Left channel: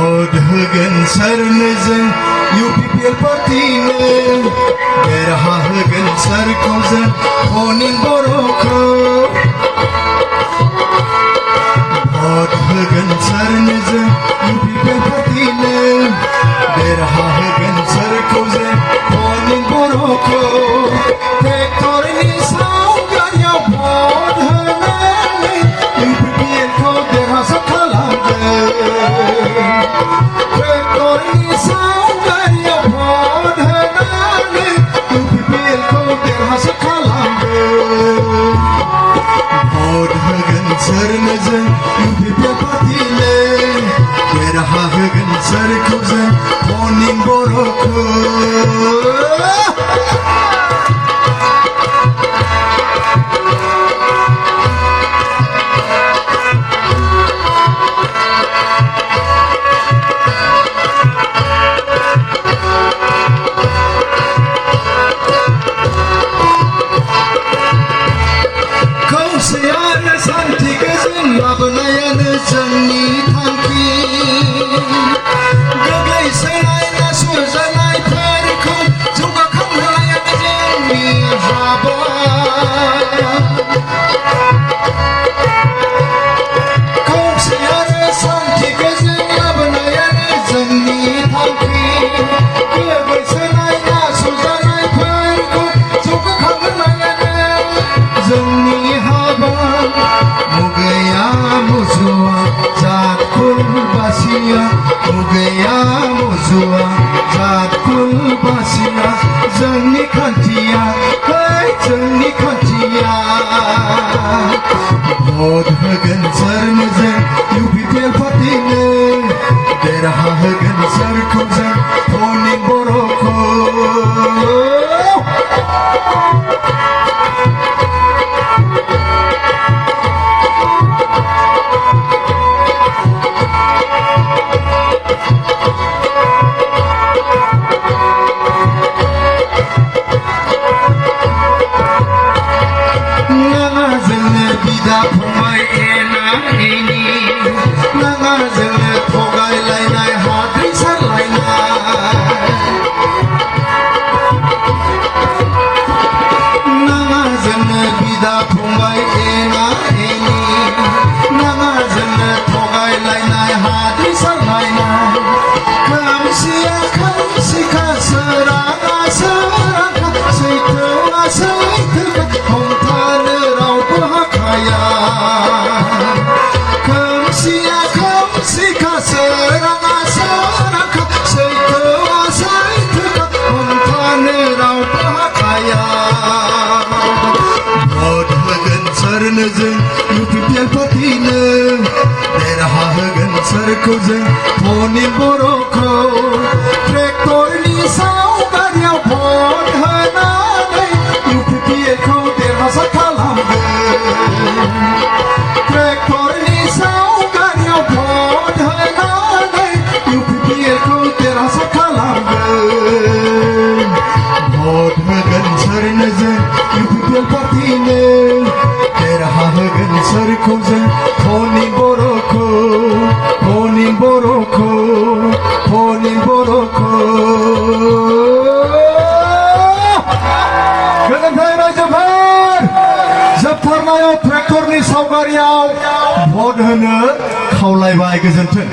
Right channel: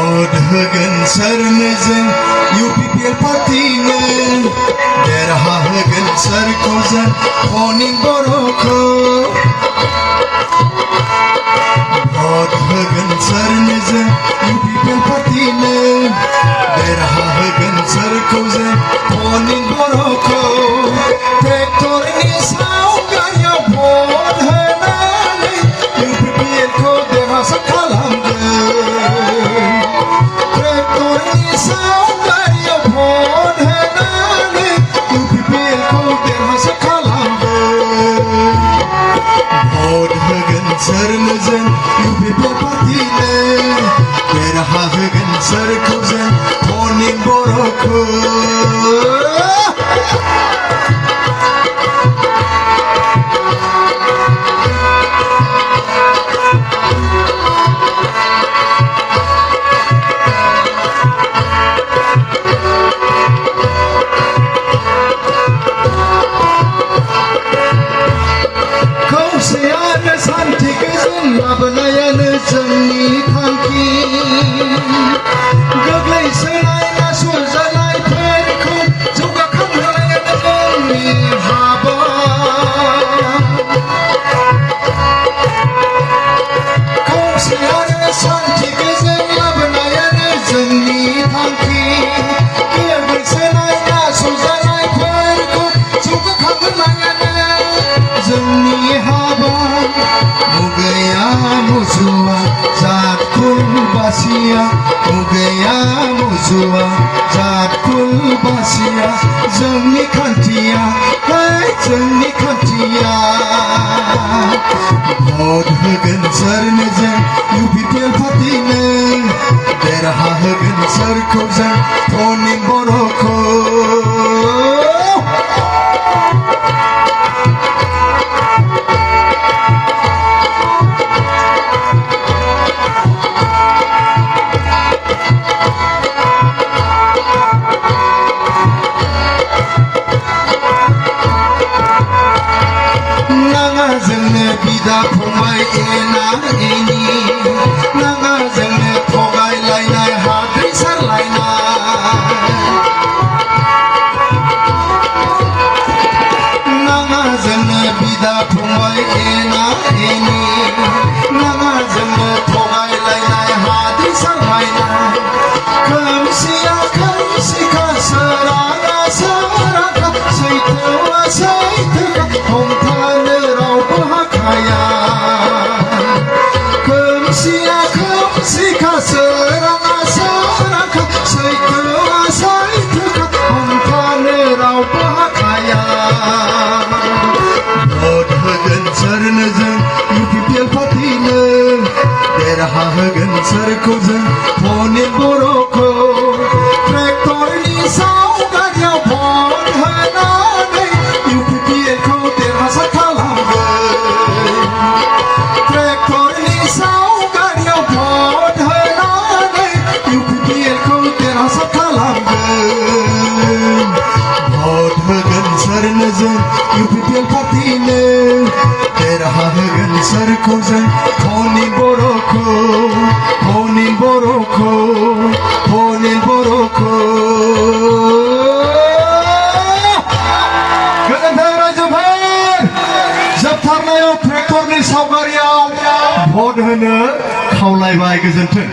भट होगोन सोरनोजों UPPL पार्टीनो देरहाहोगोन सोरखौ जों अनिल बर'खौ भट होगोन सोरनोजों UPPL पार्टीनो देरहाहोगोन सोरखौ जों अनिल बर'खौ ट्रेक्टरनि सावगारियाव भट होनानै UPPL खौ देरहासार खालामगोन ट्रेक्टरनि सावगारियाव भट होनानै UPPL खौ देरहासार खालामगोन भट होगोन सोरनोजों UPPL पार्टीनो देरहाहोगोन सोरखौ जों अनिल बर'खौ खौसेयानो सान्थिखौ जों लाबोनायानो जोंनि थांखि गोग्लैसोनाय नासयजानायफोरखौ जौगाखांहोनायानो जोंनि हाबा खौसेयानो सान्थिखौ जों लाबोनायानो जोंनि थांखि गोग्लैसोनाय नासयजानायफोरखौ जौगाखांहोनायानो जोंनि मुगैया मुजुआ जातकुल बासिया मुगैया मुजुआ जातकुल बासिया जोंनि खान्थिया जोंनि खान्थिया भट होगोन सोरनोजों UPPL पार्टीनो देरहाहोगोन सोरखौ जों अनिल बर'खौ बिदा फंबाय एना एनि नाङा जोंनो थगायलायनाय हाद्रि सारलायनाय नाङा जोंनो बिदा फंबाय एना एनि नाङा जोंनो थगायलायनाय हाद्रि सारलायनाय खोमसिया खोमसिखा सोराङा सोरांखा सैथोआ सैथोखा हमथानो रावबो हाखाया खोमसिया खोमसिखा सोराङा सोरांखा सैथोआ सैथोखा हमथानो रावबो हाखाया भट होगोन सोरनोजों UPPL पार्टीनो देरहाहोगोन सोरखौ जों अनिल बर'खौ ट्रेक्टरनि सावगारियाव भट होनानै UPPL खौ देरहासार खालामगोन ट्रेक्टरनि सावगारियाव भट होनानै UPPL खौ देरहासार खालामगोन भट होगोन सोरनोजों UPPL पार्टीनो देरहाहोगोन सोरखौ जों अनिल बर'खौ अनिल बर'खौ अनिल बर'खौ गोजोन्थों रायजोफोर जोबथारनायाव ट्रेक्टरनि सावगारियाव भट होनो खावलायबाय गोजोन्थों।